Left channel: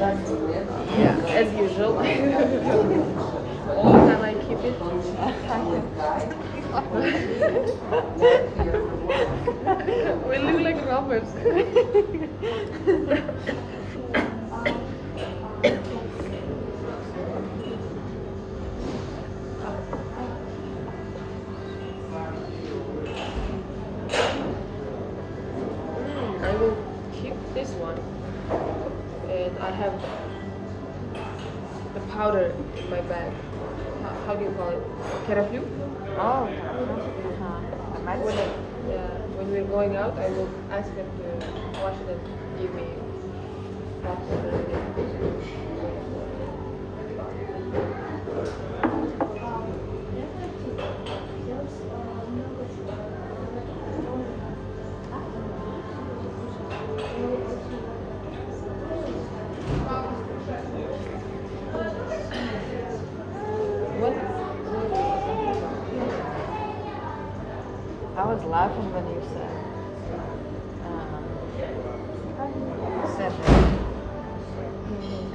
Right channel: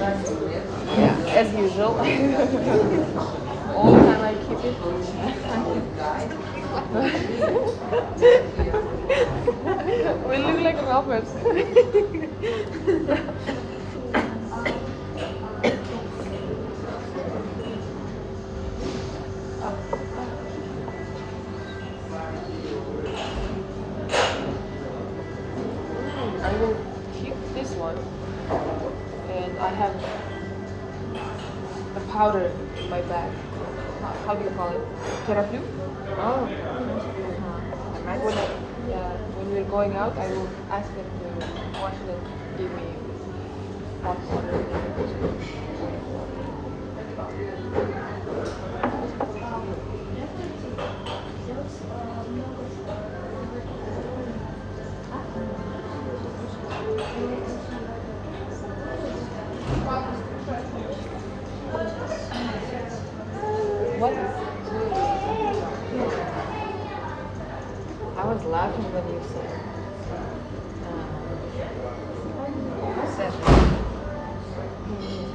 Yeah, as usual. All the time I keep it. We look like robbers. I will keep this one, and I have the powder in my bag. How do you call it? Teraflu? Oh, uh-huh. When, yeah, when we're going out, I will ask them to wash it and give me hot water. What? I was laughing when you said. You said that.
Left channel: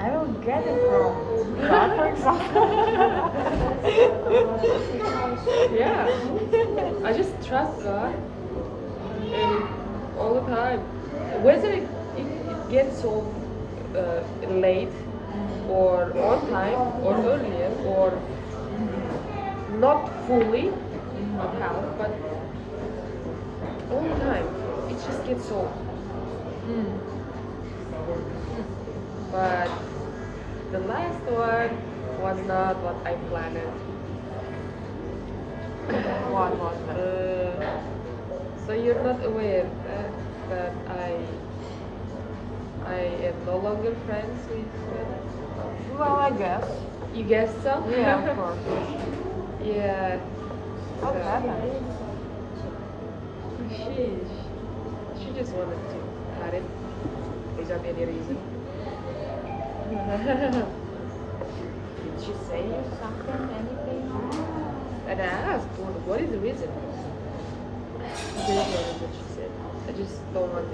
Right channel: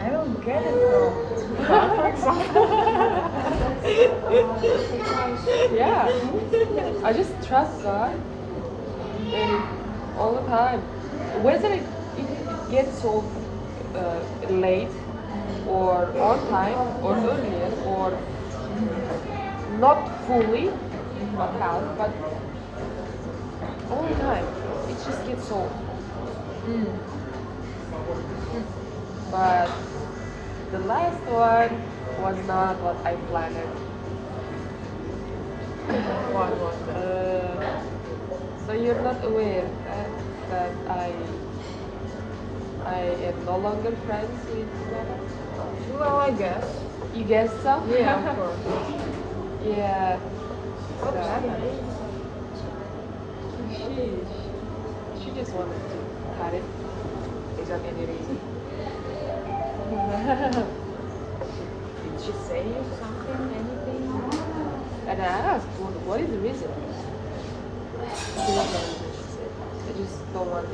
I don't get it from God, for example. Yeah, I just trust God and all the time. Whether it gets so late or on time or earlier or not fully, not half, but all the time, it just gets so. But the last one was not what I planned. What was that? So you're not aware that I am no longer friends with Meta? Well, I guess. You guess so? Yeah, of course. Yeah. How did that happen? She just wanted to cut it without any reason. Did she say something, anything? And I asked, what is the reason? There is no reason, she said. I just don't want it.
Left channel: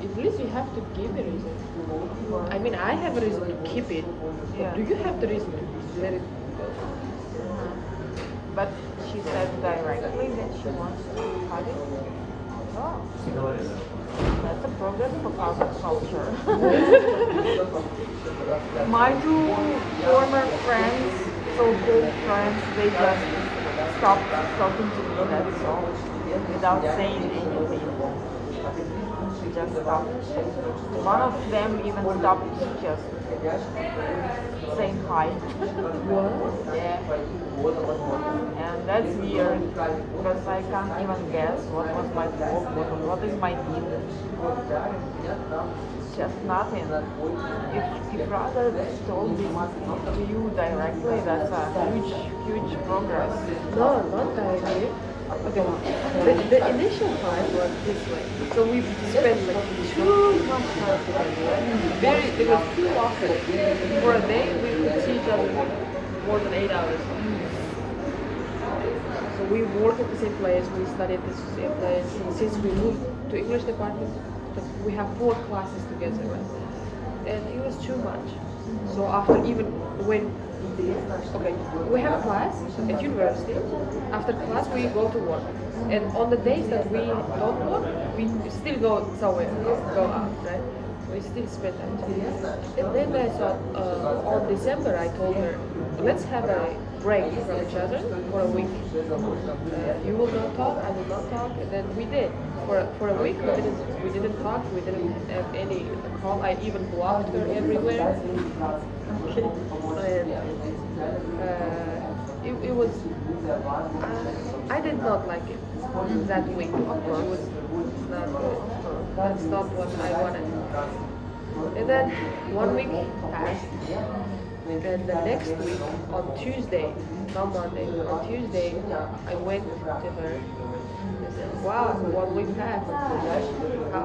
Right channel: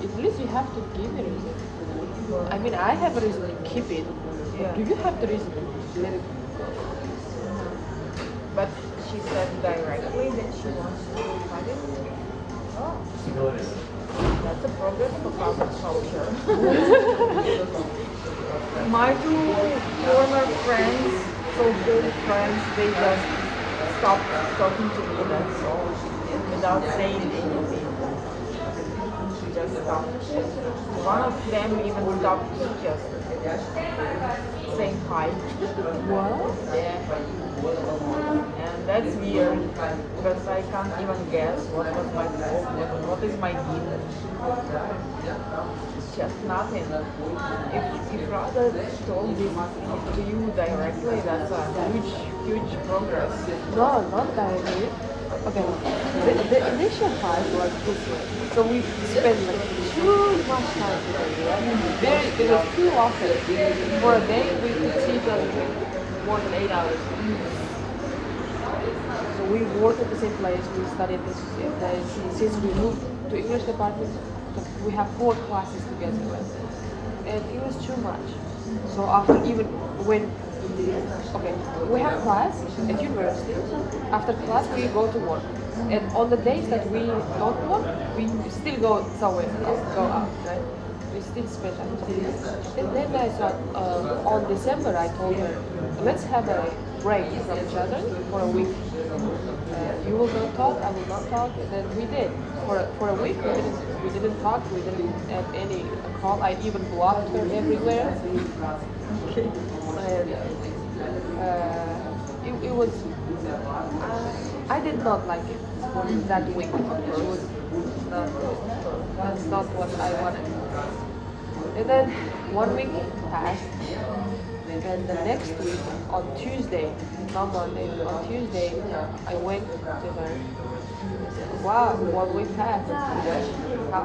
At least you have to give a reason. I mean, I have a reason to keep it. Yeah. Do you have the reason to let it go? But she said directly that she wants to cut it. Oh. That's a progress for carbon culture. My two former friends, so-called friends, they just stopped talking to me, that's all. Without saying anything. She just stopped. One of them even stopped just saying hi. What? Yeah. And that's weird because I can't even guess what was my fault, what is my deal. Just nothing. If rather told this to you directly, that's a huge progress. No, not directly. Okay, the initial part was this way. So we spent like too much time together, right? There was too often. For a day, we could see each other more than 8 hours. So we work at the same place, we study at the same place. Since we moved to English department, so we have 4 classes together, right? And it was too much. So after even when okay, we have class at university. After class, we go to work, and on the days that we don't work, we still go somewhere, go out, right? We still spend time. And then I thought, on December, I told her, let's have a break from each other for a week. You will not talk, I will not talk, and then we did. For a week, we didn't talk, we didn't have any call. I even blocked her everywhere. And it was I did not like it that week. Of course, it was not that's not what I wanted. And then 1 week passed, and the next week on Tuesday, not Monday, on Tuesday, I went to her. I said, wow, 1 week passed.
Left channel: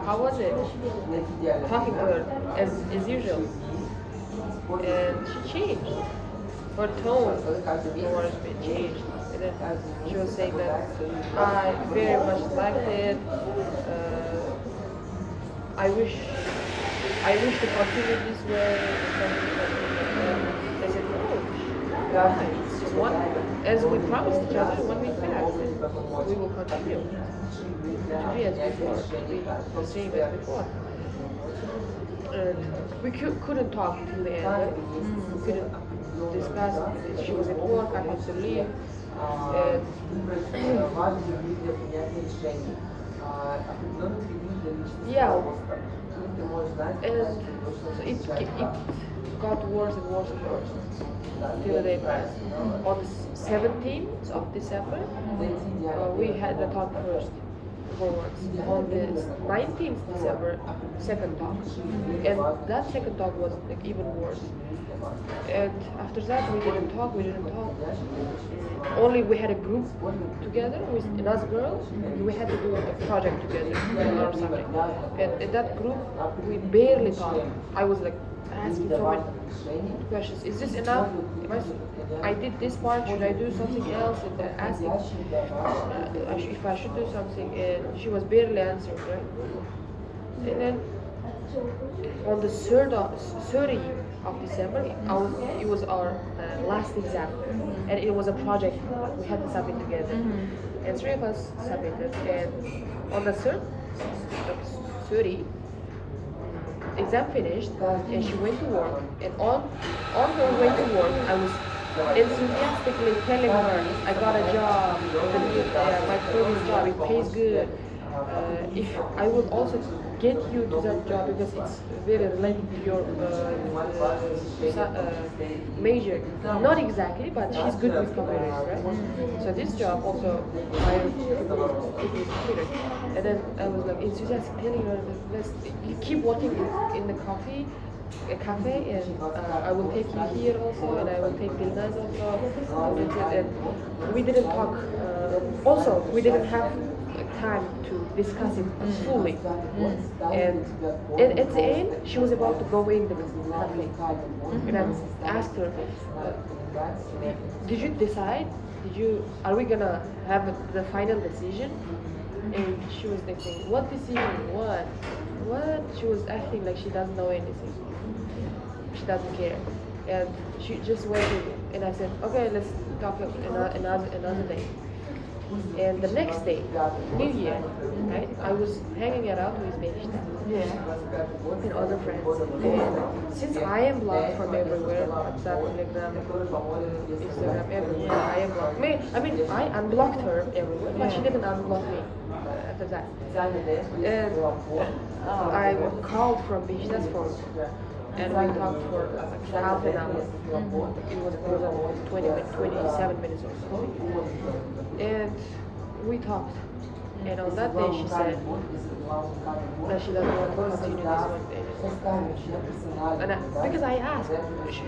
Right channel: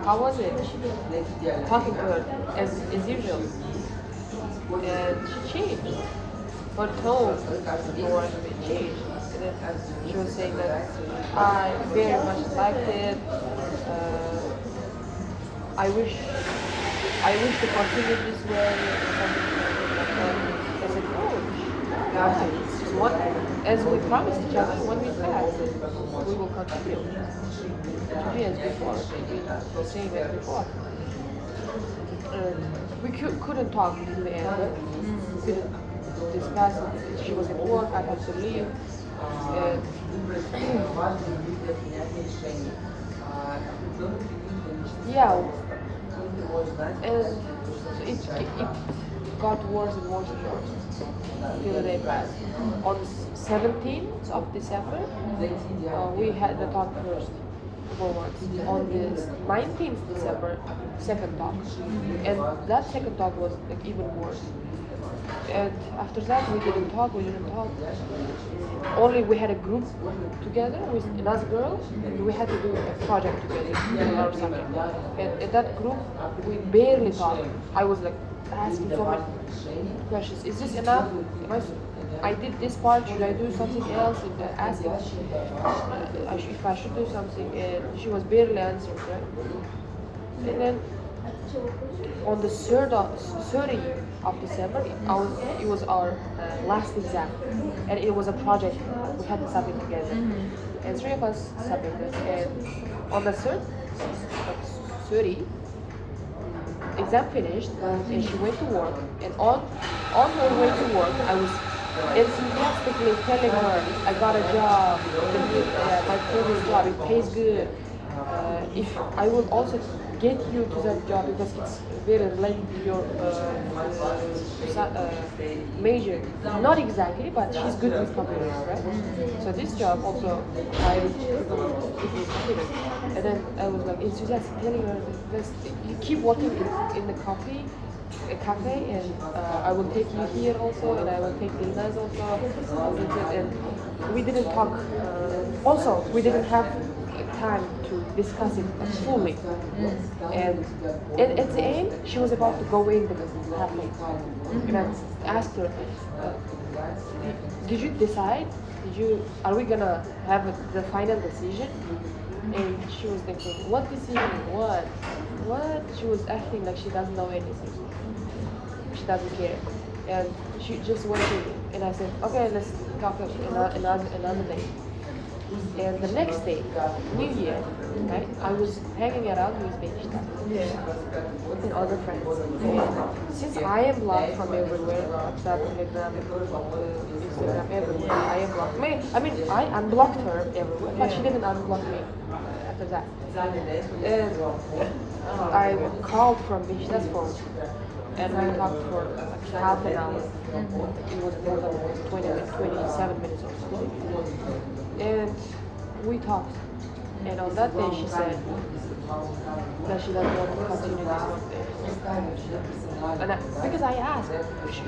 How was it? Talking to her as usual. And she changed. Her tone towards me changed. And then she was saying that I very much liked it. I wish I wish to continue this way and something like that. I said, no, why? It's one, as we promised each other, when we back, we will continue to be as before, to be the same as before. We couldn't talk to the end, right? We couldn't discuss it. She was at work, I had to leave. And yeah, and it got worse and worse and worse till the day passed. On the 17th of December, we had the talk first. For once. On the 19th December, second talk, and that second talk was like even worse. And after that, we didn't talk. Only we had a group together with another girl, and we had to do a project together or something. And in that group, we barely talked. I was like asking so many questions. Is this enough? I did this part. Should I do something else? And then asking if I should do something. And she was barely answering, right? And then on the 30th of December, it was our last exam, and it was a project. We had to submit together, and three of us submitted. And on the 30, exam finished, and she went to work. And on her way to work, I was enthusiastically telling her I got a job, my previous job, it pays good. If I will also get you to that job because it's very related to your major. Not exactly, but she's good with computers, right? So this job also hires people with computers. And then I was like enthusiastic telling her, you keep working in the a cafe, and I will take you here also, and I will take you guys also. And we didn't talk. Also, we didn't have time to discuss it fully. And at the end, she was about to go in the cafe, and I asked her, "Did you decide? Are we gonna have the final decision?" And she was thinking, "What decision? What? What?" She was acting like she doesn't know anything. She doesn't care, and she just waited. And I said, "Okay, let's talk another day." And the next day, New Year, right? I was hanging around with baby and other friends. And since I am blocked from everywhere, WhatsApp, Telegram, Instagram, everywhere, I am blocked. I unblocked her everywhere, but she didn't unblock me after that. And I called from Bish's phone, and we talked for like half an hour. It was more than 27 minutes or something. And we talked. And on that day, she said that she doesn't want to continue this one. And because I asked,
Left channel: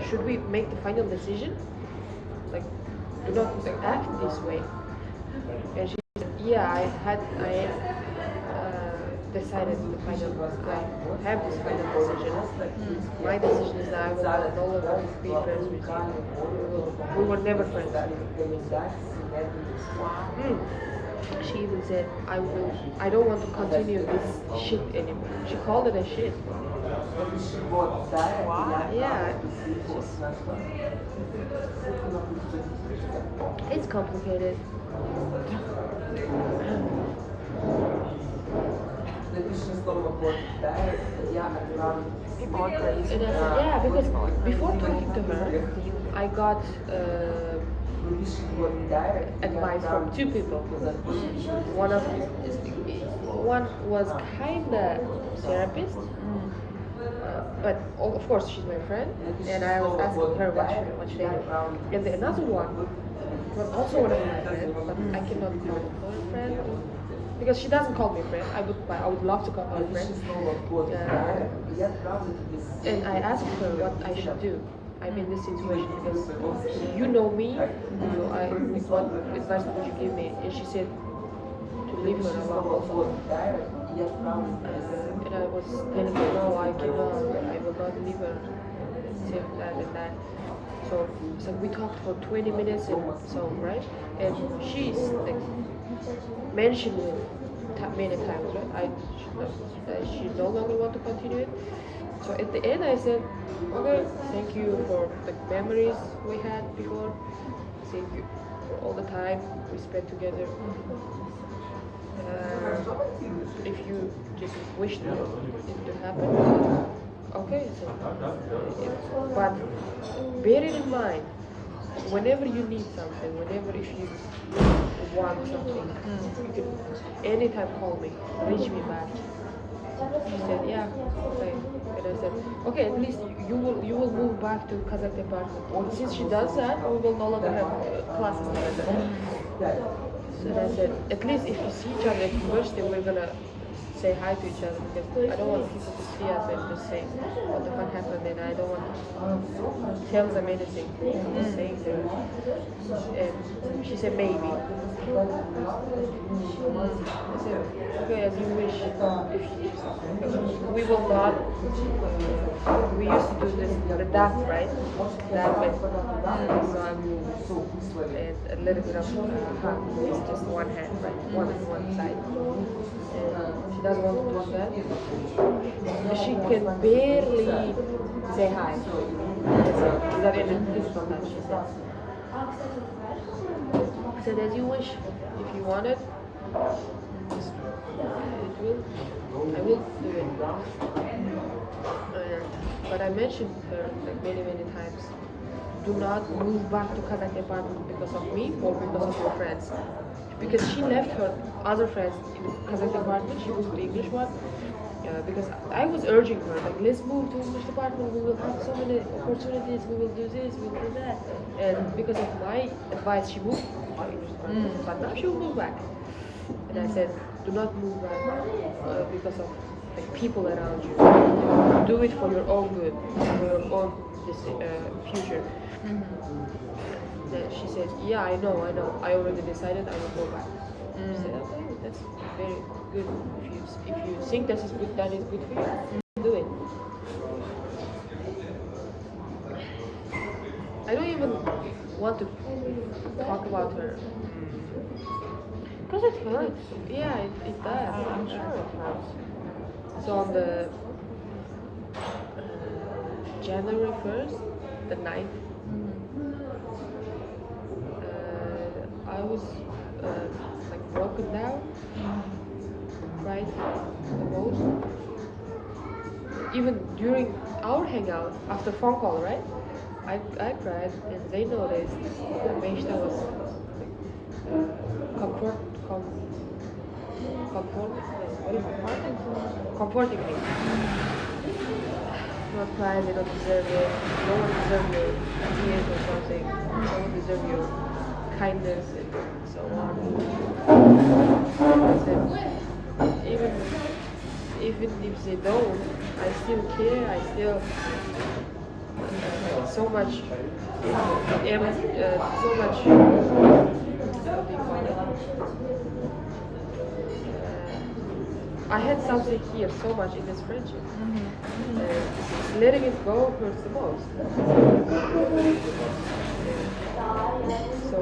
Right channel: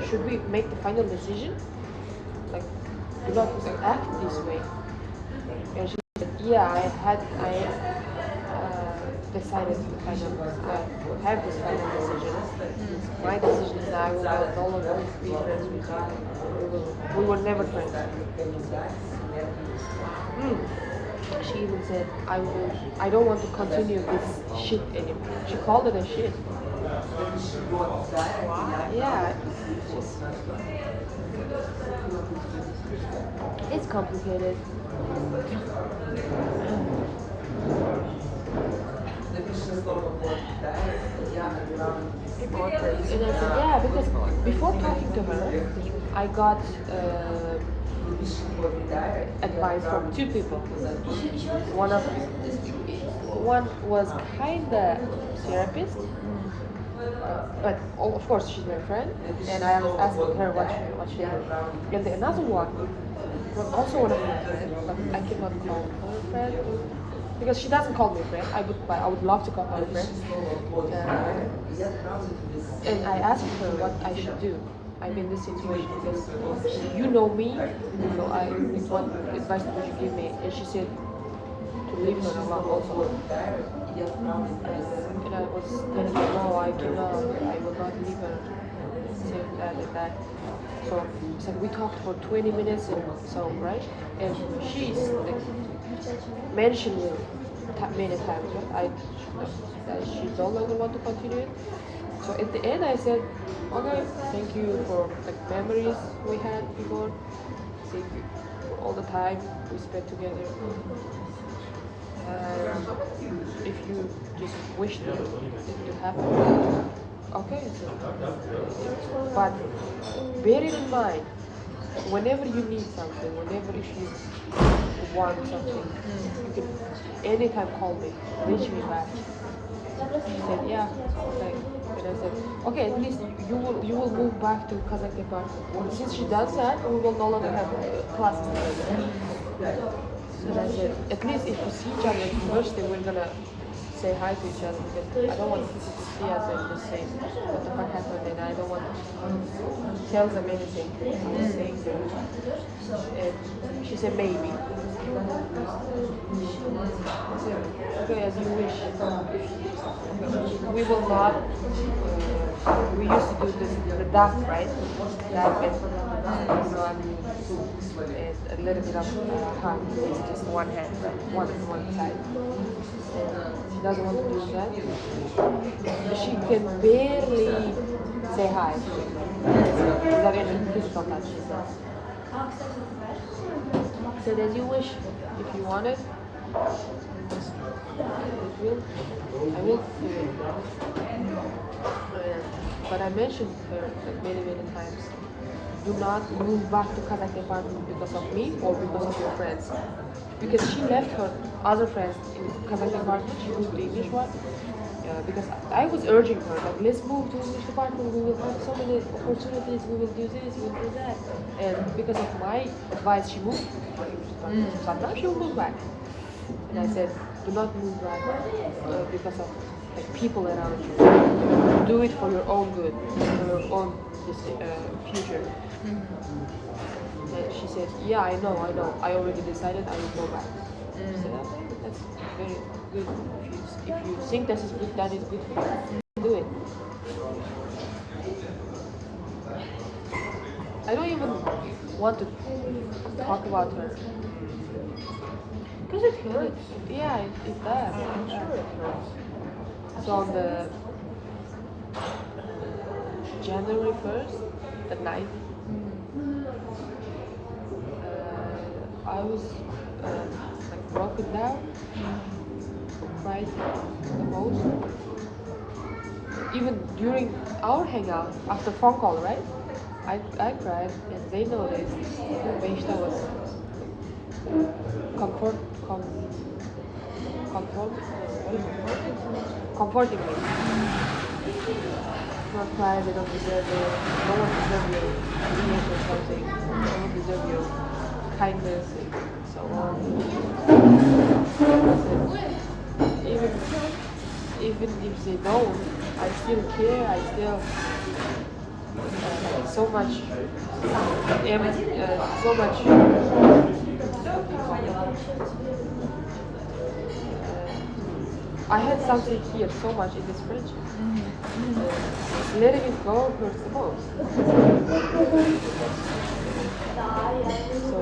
should we make the final decision? Like, do not act this way. And she said, yeah, I decided I have this final decision. My decision is that I will no longer be friends with you. We were never friends. She even said, I don't want to continue this shit anymore. She called it a shit. Wow. Yeah. It's complicated. And I said, yeah, because before talking to her, I got advice from two people. One was kinda therapist, but of course she's my friend, and I was asking her what she did. And another one was also one of my friends, but I cannot call her friend because she doesn't call me friend. I would love to call her friend. And I asked her what I should do. I'm in this situation because you know me, so what advice would you give me? And she said to leave her alone also. And I was telling her, no, I cannot, I will not leave her. Said that and that. So we talked for 20 minutes and so, right? And she's mentioned me many times that she no longer want to continue it. So at the end, I said, okay, thank you for the memories we had before. Thank you for all the time we spent together. If you just wish it to happen, okay. So, but bear it in mind, whenever you need something, whenever if you want something, you can anytime call me, reach me back. He said, yeah, okay. And I said, okay, at least you will move back to Kazakh department. Since she does that, we will no longer have classes together. And I said, at least if we see each other at university, we're gonna say hi to each other because I don't want people to see us and just say what the fuck happened, and I don't want to tell them anything I was saying to her. And she said maybe. I said, okay, as you wish. We will not. We used to do this the dance, right? That and so and a little bit of hug with just one hand, right? One side. And she doesn't want to do that. She can barely say hi. Without any physical touch, she says. I said, as you wish. If you want it, I will do it. But I mentioned her many, many times. Do not move back to Kazakh apartment because of me or because of your friends. Because she left her other friends in Kazakh apartment, she moved to English one. Because I was urging her, like, let's move to English department, we will have so many opportunities, we will do this, we will do that. And because of my advice, she moved to English department. But now she'll move back. And I said, do not move back because of like, people around you. Do it for your own good, for your own future. She said, yeah, I know. I already decided I will go back. I said, okay, that's very good. If you think that is good for you, do it. I don't even want to talk about her. Because it hurts. Yeah, it does. I'm sure it hurts. So on the January 1st, the night, I was like broken down, cried the most. Even during our hangout, after phone call, right? I cried and they noticed. Beishta was comforting me. Not cry, they don't deserve it. No one deserves your tears or something. No one deserves your kindness and so on. And I said, even if they don't, I still care. I still like so much, so much. What do you call it? I had something here so much in this friendship. Letting it go hurts the most. So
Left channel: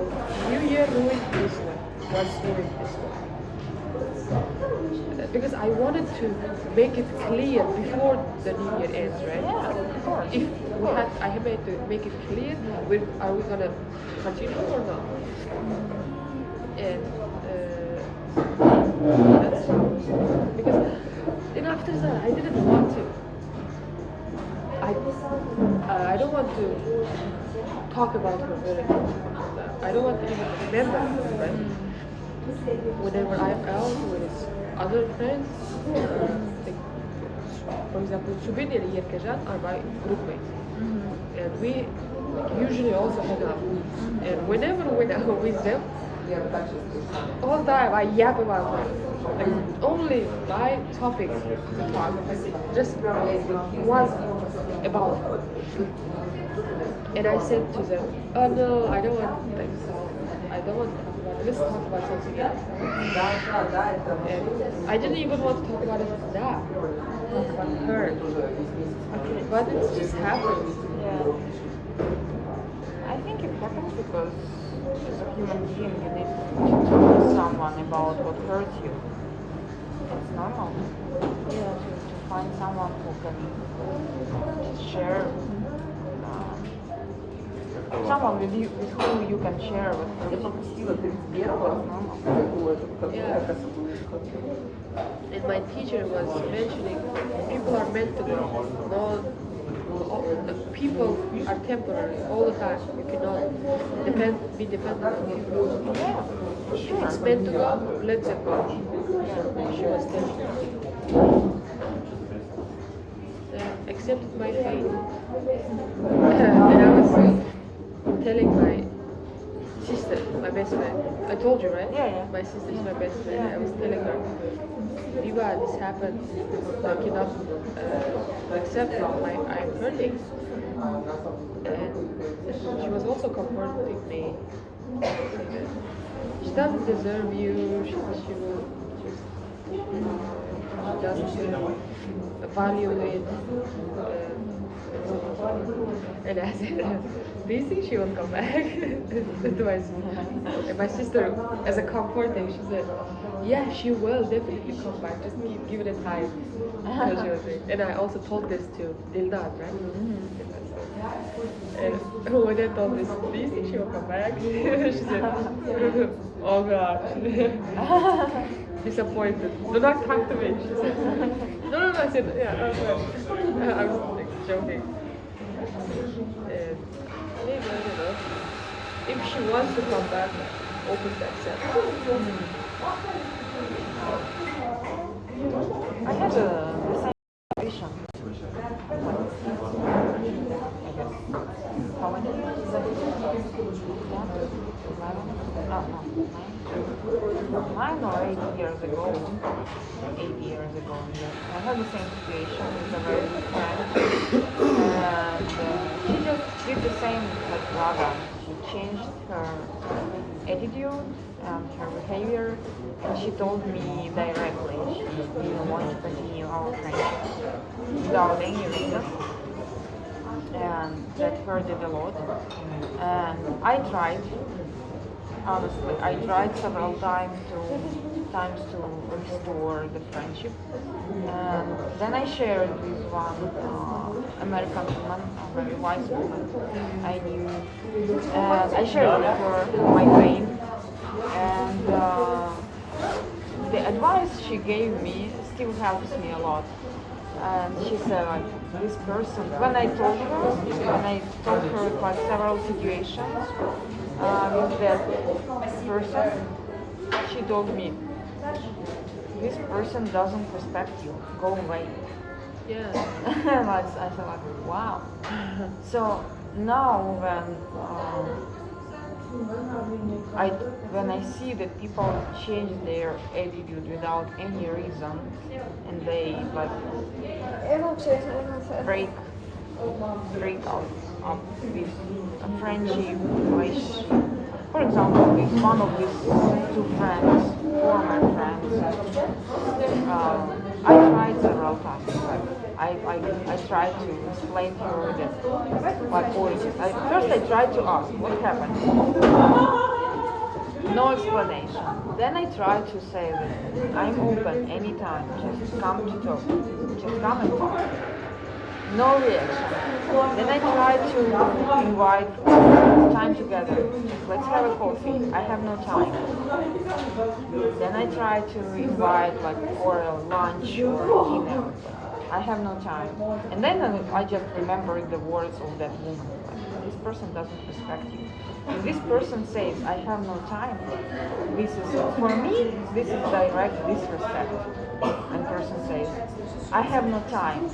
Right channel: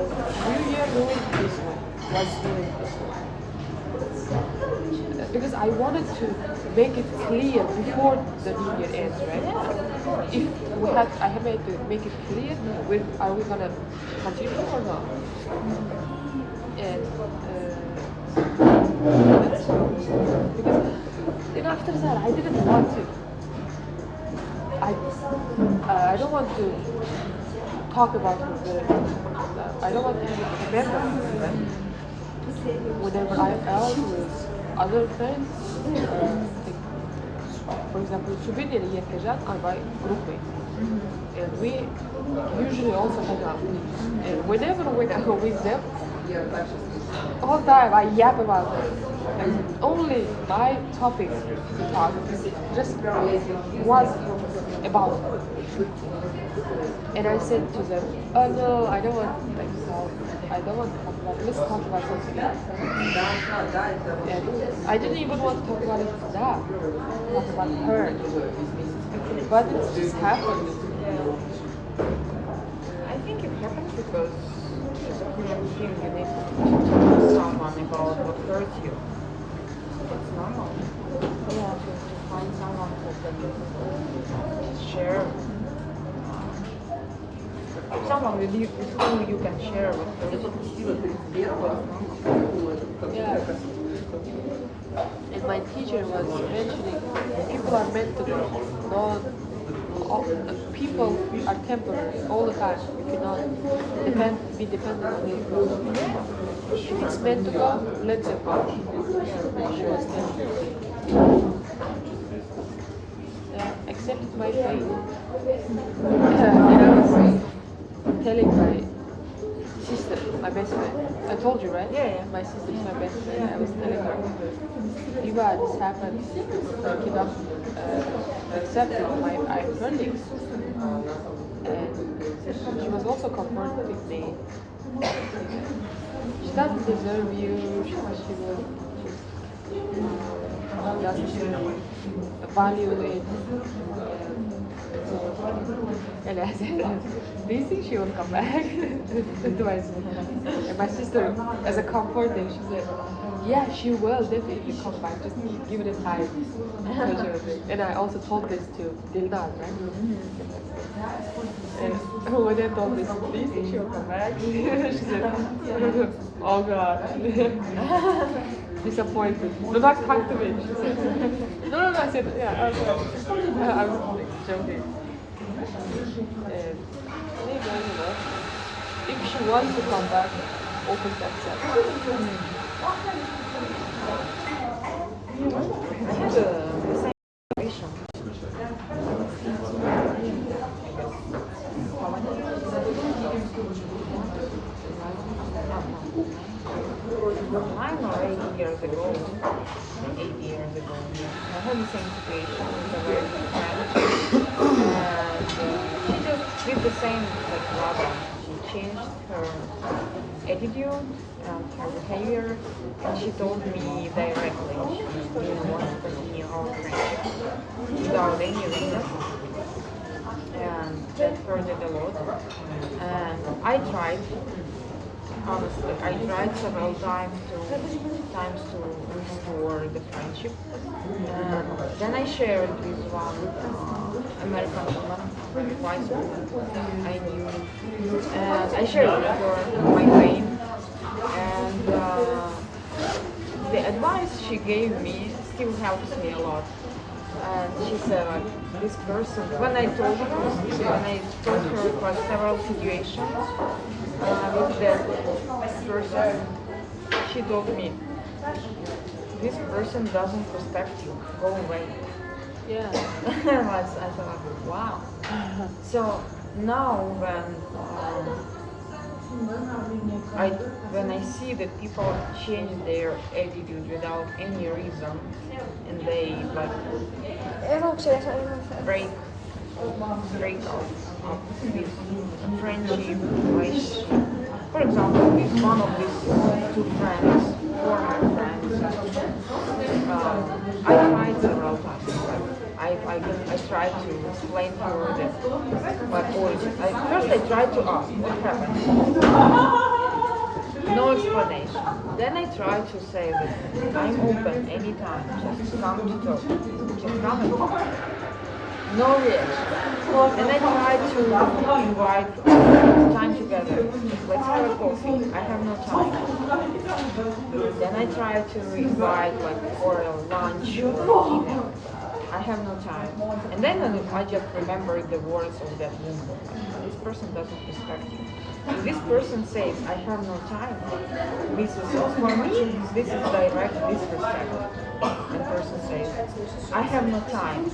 New Year doing this way was doing this way. Because I wanted to make it clear before the New Year ends, right? Yeah, of course. If I had to make it clear, are we gonna continue or not? And that's how. Because then after that, I didn't want to. I don't want to talk about her very much. I don't want to remember, right? Whenever I'm out with other friends, like, for example, Subir and Yekajan are my groupmates. And we usually also hang out. And whenever I'm with them, all the time I yap about them. And only my topic to talk just was about her. And I said to them, oh no, I don't want to talk about it. Let's talk about something else. And I didn't even want to talk about it now. Talk about her. But it just happened. I think it happens because as a human being you need to talk to someone about what hurts you. it's normal. Yeah, to find someone who can share, someone with whom you can share with person. It's normal. Yeah. And my teacher was mentioning people are meant to be. People are temporary all the time. You cannot be dependent on people. Yeah, for If sure. it's meant to go, let them go. She was telling me. Accepted my fate. And I was telling my sister, my best friend. I told you, right? Yeah. My sister is my best friend. I was telling her, Eva, this happened. I cannot accept it. I'm hurting. And she was also comforting me. She doesn't deserve you. She will doesn't value it. And I said, do you think she will come back? To my sister. And my sister, as a comforting, she said, yeah, she will definitely come back. Just give it a time. And I also told this to Dilnad, right? And when I told this, do you think she will come back? She said, oh God. Disappointed. Do not come to me, she said. No, I said, yeah, I was like, I was like joking. And maybe, I don't know. If she wants to come back, open to accept. I had the same situation. How many? 9 or 8 years ago. 8 years ago. I had the same situation with a very good friend. And she just did the same as Rada. She changed her attitude and her behavior, and she told me directly she didn't want to continue our friendship without any reason, and that hurt it a lot. And I tried, honestly, I tried several times to restore the friendship, and then I shared with one American woman, a very wise woman I knew, and I shared with her my pain, and the advice she gave me still helps me a lot. And she said, like, this person, when I told her like several situations with that person, she told me, this person doesn't respect you, go away. Yeah. I thought, like, wow. So now when I see that people change their attitude without any reason, and they like break out of this friendship relationship. For example, with one of these two friends, former friends, I tried several times. I tried to explain to her that, like, always, first I tried to ask what happened. No explanation. Then I tried to say that I'm open anytime. Just come to talk. Just come and talk. No reaction. Then I tried to invite time together. Just let's have a coffee. I have no time. Then I tried to invite like for a lunch or dinner. I have no time. And then I just remembered the words of that woman. This person doesn't respect me. If this person says, I have no time, this is, for me, this is direct disrespect. And person says, I have no time.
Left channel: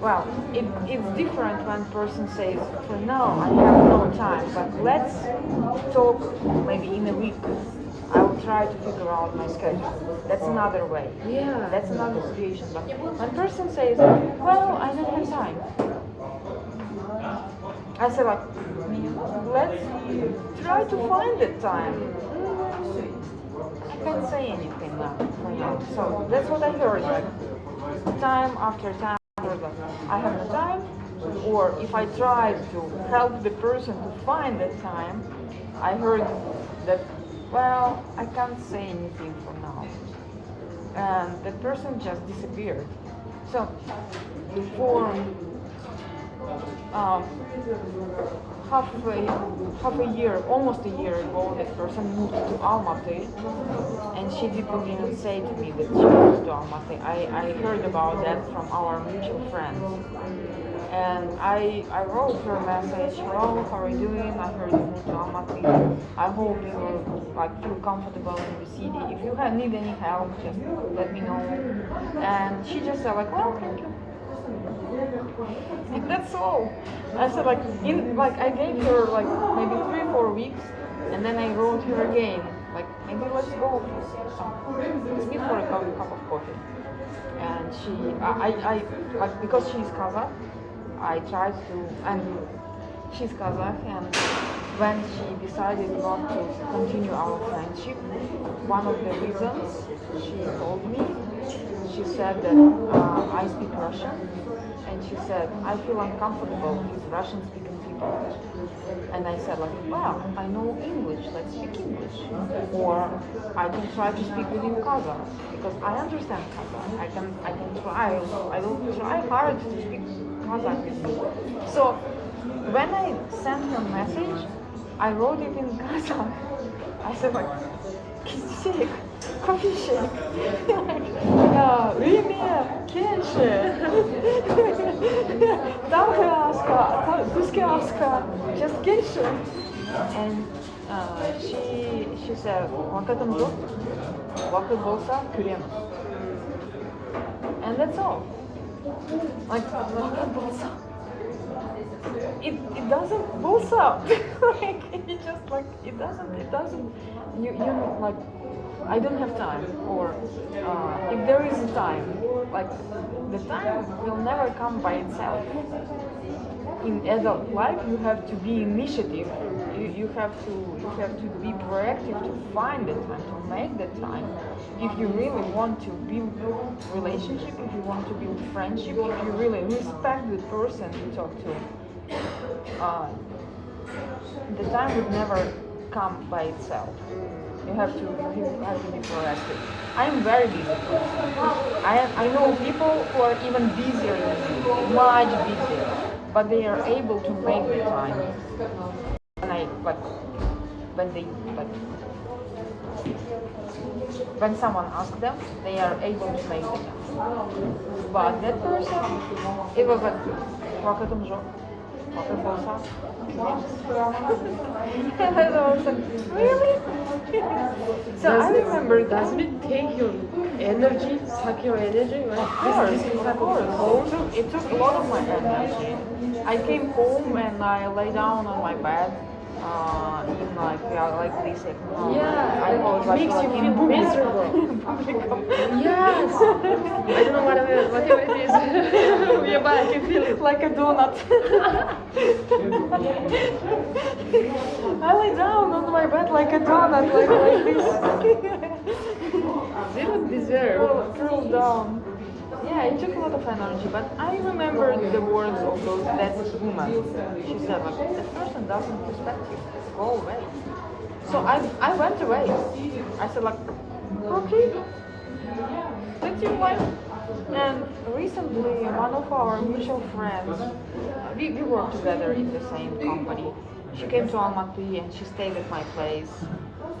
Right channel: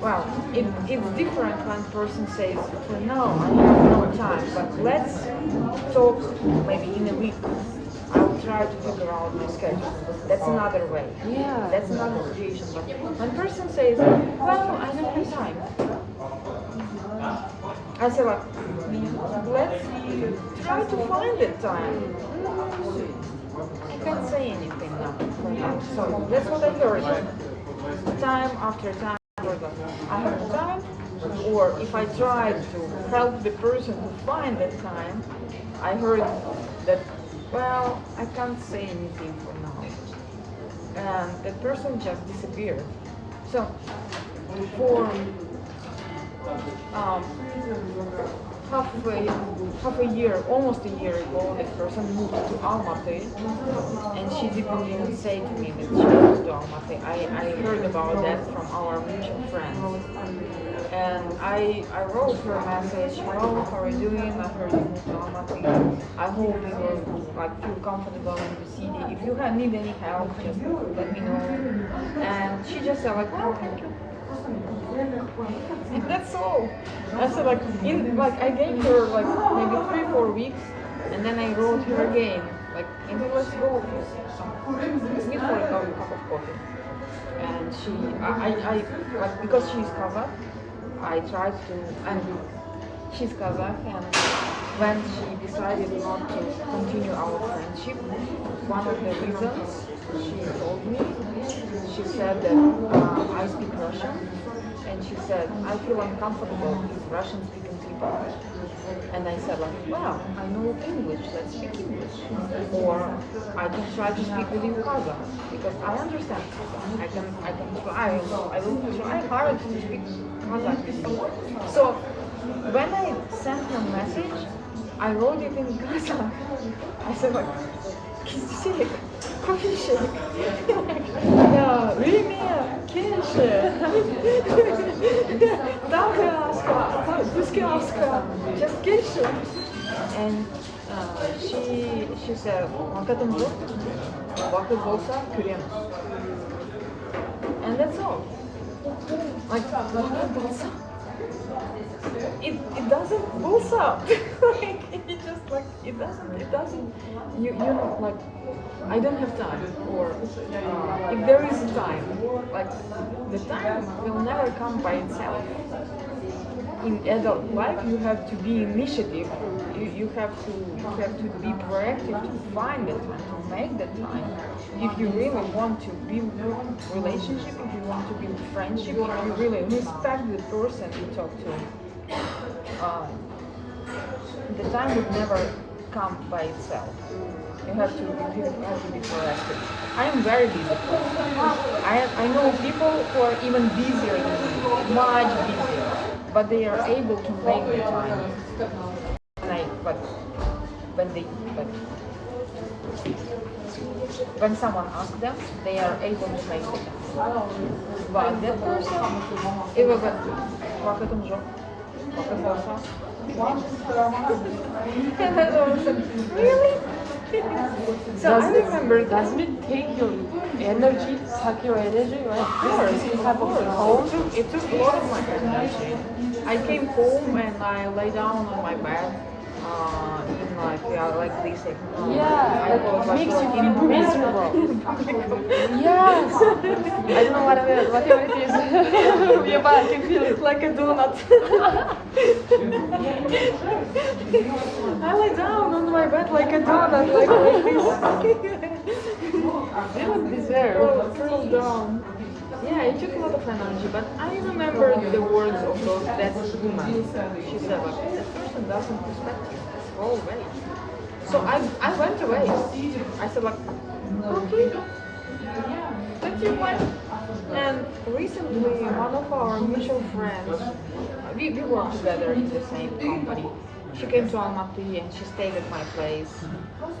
Well, it's different when person says, for now, I have no time, but let's talk maybe in a week. I will try to figure out my schedule. That's another way. Yeah. That's another situation. But when person says, well, I don't have time, I say like, let's try to find the time. I can't say anything now for now. So that's what I heard. Like, time after time, I have no time. Or if I try to help the person to find that time, I heard that, well, I can't say anything for now. and that person just disappeared. So for um, half a year, almost a year ago, that person moved to Almaty, and she didn't even say to me that she moved to Almaty. I heard about that from our mutual friends. And I wrote her a message, hello, how are you doing? I heard you moved to Almaty. I hope you like feel comfortable in the city. If you need any help, just let me know. And she just said like, well, thank you. And that's all. I said like I gave her like maybe 3 4 weeks, and then I wrote her again like maybe let's go let's meet for a cup of coffee. And I like because she's Kazakh, I tried to and she's Kazakh, and when she decided not to continue our friendship, one of the reasons she told me, she said that I speak Russian. And she said, I feel uncomfortable with Russian-speaking people. And I said, like, well, I know English, let's speak English. Or I can try to speak with you Kazakh, because I understand Kazakh. I can try, I will try hard to speak Kazakh with you. So when I sent her a message, I wrote it in Kazakh. I said, like, sick, конфиши. Я время, кенши. Dalgaska, Duskaska, just kенши. And she said, "Вакытым жоқ, вакыт болса көреміз." And that's all. Like, вакыт болса. It doesn't bolts out. Like it just like it doesn't you know like I don't have time, or if there is a time, like the time will never come by itself. In adult life you have to be initiative. You have to be proactive to find the time, to make the time. If you really want to build relationship, if you want to build friendship, if you really respect the person you talk to, the time would never come by itself. You have to be proactive. I am very busy person. I know people who are even busier than me, much busier, but they are able to make the time. When someone asks them, they are able to make the time. But that person, it was like, "Вакытым жоқ, вакыт болса." And I was like, really? So I remember, doesn't it take your energy, suck your energy? Right? Of course, it took a lot of my energy. I came home and I lay down on my bed, like this, I was like makes you in feel miserable. Yes. I don't know what it is. Yeah, but I can feel it. Like a donut. I lay down on my bed like a donut, like this. You don't deserve. Curled down. Yeah, it took a lot of energy, but I remember the words of that woman. She said, like, that person doesn't respect you. Go away. So I went away. I said, like, okay, that's your wife. And recently, one of our mutual friends, we work together in the same company. She came to Almaty and she stayed at my place.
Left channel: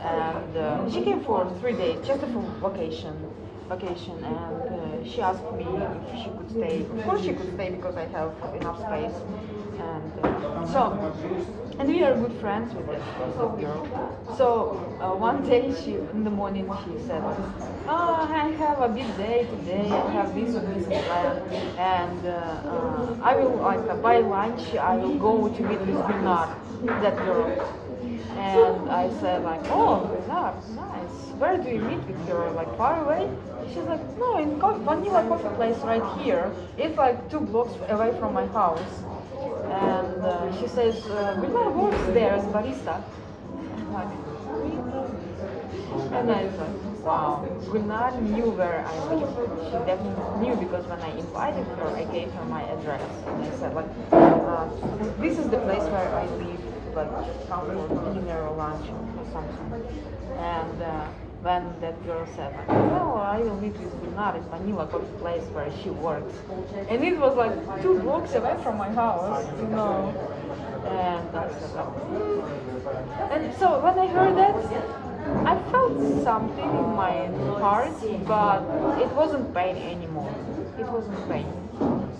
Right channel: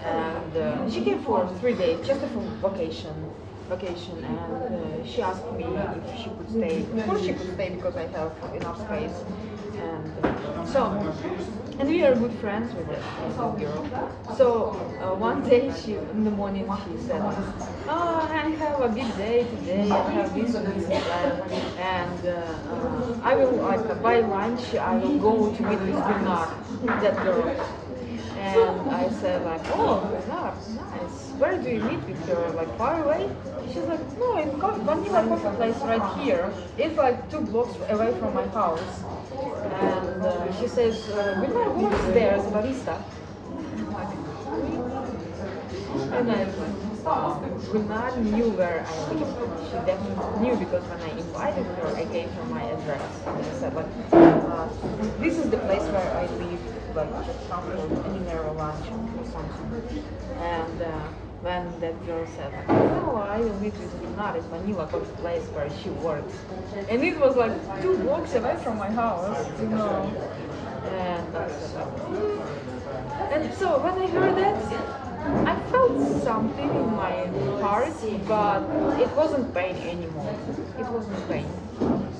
And she came for 3 days, just for vacation. And she asked me if she could stay. Of course she could stay because I have enough space. And we are good friends with that girl. So one day in the morning she said, "Oh, I have a big day today. I have this and this and that, and I will by lunch I will go to meet with Bernard, that girl." And I said like, "Oh, Bernard, nice. Where do you meet with her? Like far away?" She's like, "No, in Vanilla Coffee Place right here. It's like 2 blocks away from my house." And she says, "Bernard works there as a barista." And I thought, wow, Bernard knew where I live. She definitely knew, because when I invited her, I gave her my address. And I said, like, this is the place where I live, like, just come for dinner or lunch or something. And when that girl said like, "Oh, I will meet with Gulnar in Manila, got the place where she works," and it was like 2 blocks away from my house, And I said like, and so when I heard that, I felt something in my heart, but it wasn't pain anymore. It wasn't pain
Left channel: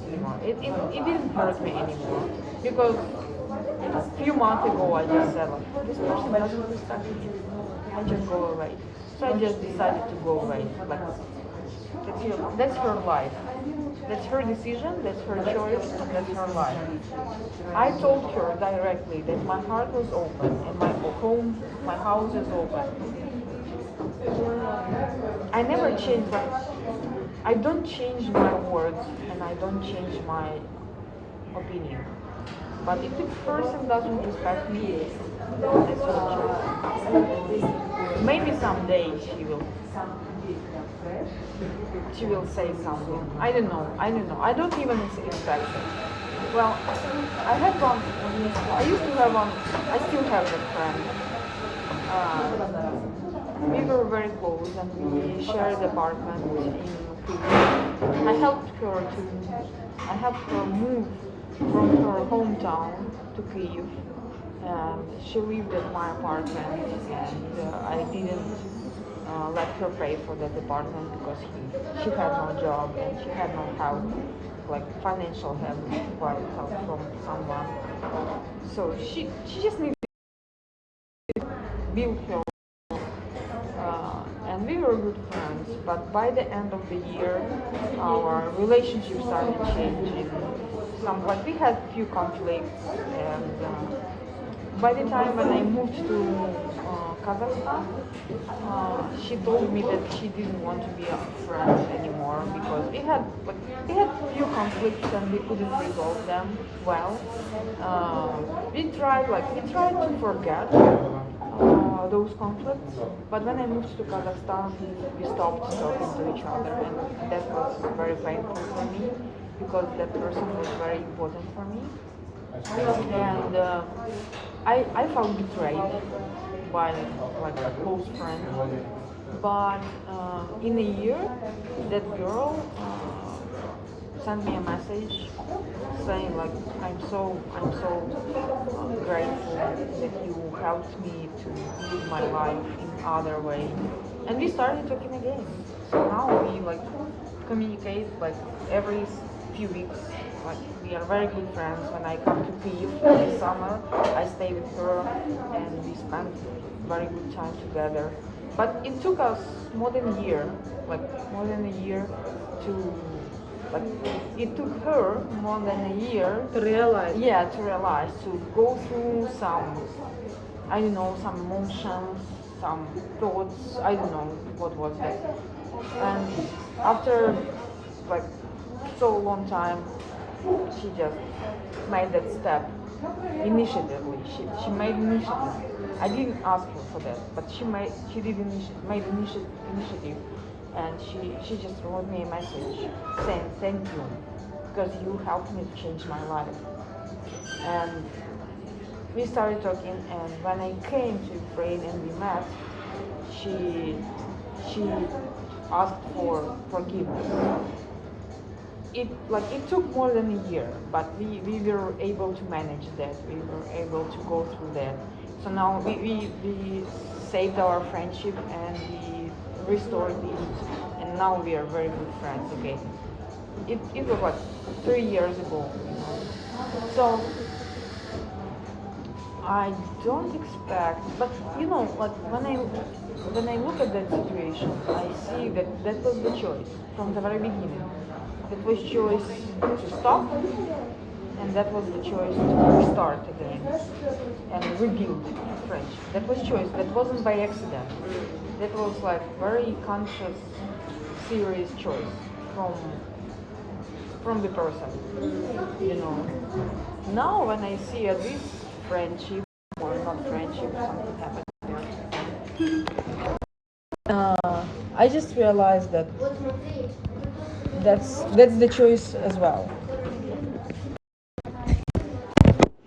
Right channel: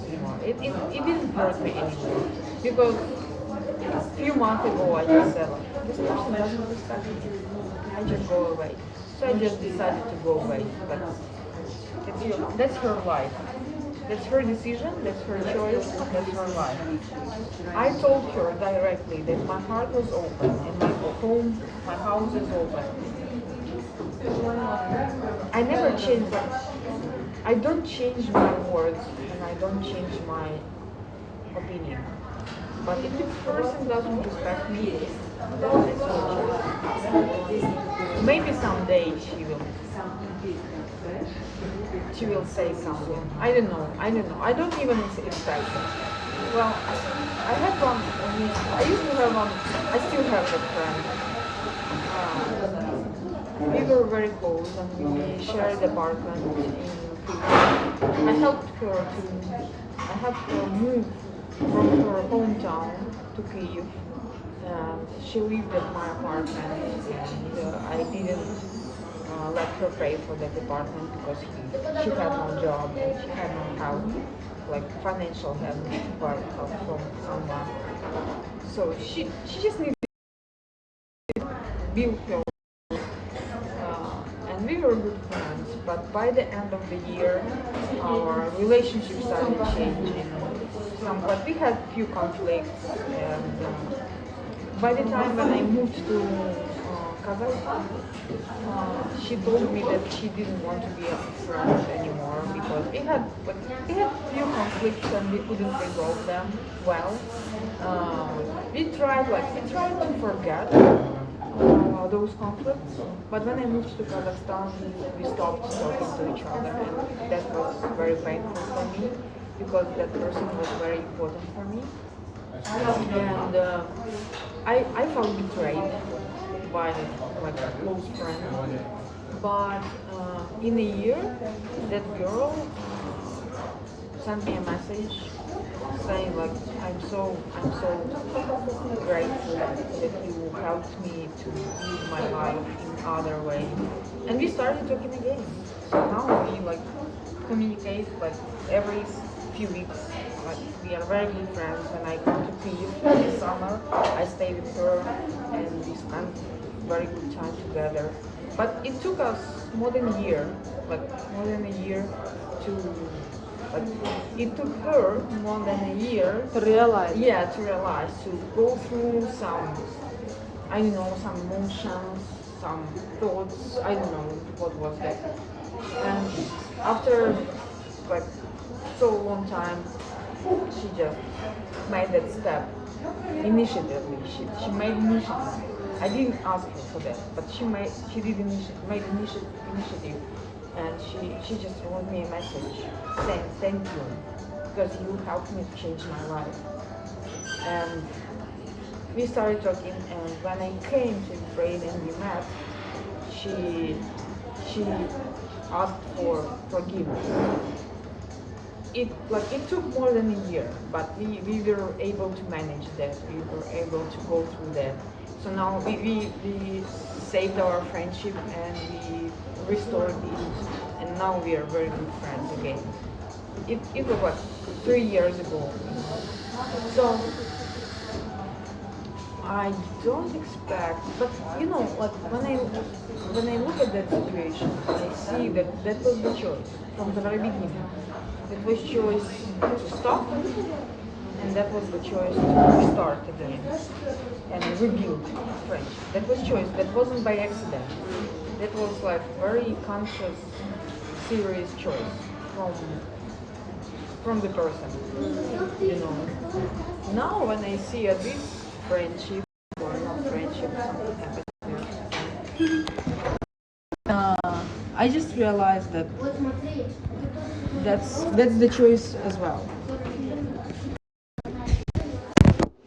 anymore. It didn't hurt me anymore because a few months ago I just said like, this person doesn't respect me. I just go away. So I just decided to go away. But that's her life. That's her decision, that's her choice, that's her life. I told her directly that my heart was open and my home, my house is open. I never change, like, I don't change my words and I don't change my opinion. But if this person doesn't respect me, that's her choice. Maybe someday she will say something. I don't know. I don't even expect it. Well, I had one. I used to have one. I still have that friend. We were very close, and we shared apartment in Kyiv. I helped her move from her hometown to Kyiv. And she lived at my apartment, and I didn't let her pay for that apartment because she had no job and she had no help, like financial help from someone. So she just needed to build her. And we were good friends, but by the end of the year, our relationship started changing. Like we had few conflicts, and by the time when I moved to Kazakhstan, she told me that she didn't want to be a friend anymore because we had few conflicts and we couldn't resolve them well. We tried to forget those conflicts, but when I moved to Kazakhstan, we stopped talking to each other, and that was very painful for me because that person was very important for me, and I felt betrayed by like a close friend. But in a year, that girl sent me a message saying like I'm so grateful that you helped me to live my life in other way, and we started talking again. So now we like communicate like every few weeks. Like we are very good friends. When I come to Kyiv this summer, I stay with her and we spend very good time together. But it took us more than a year, to like it took her more than a year To realize. yeah, to realize, to go through some, I don't know, some emotions, some thoughts, I don't know what was that. And after like so long time, she just made that step initiatively. She made initiative. I didn't ask her for that, but she did made initiative, and she just wrote me a message saying thank you because you helped me to change my life. And we started talking, and when I came to Ukraine and we met, she asked for forgiveness. It took more than a year, but we were able to manage that. We were able to go through that. So now we saved our friendship and we restored it, and now we are very good friends again. It was like 3 years ago. So I don't expect, but like when I look at that situation, I see that was the choice from the very beginning. That was choice to stop, and that was the choice to start again and rebuild friends. That was choice. That wasn't by accident. That was like very conscious, serious choice from the person. Now when I see this friendship or not friendship, something happened. I just realized that that's the choice as well.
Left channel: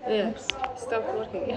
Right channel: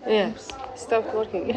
Yeah. Stop working.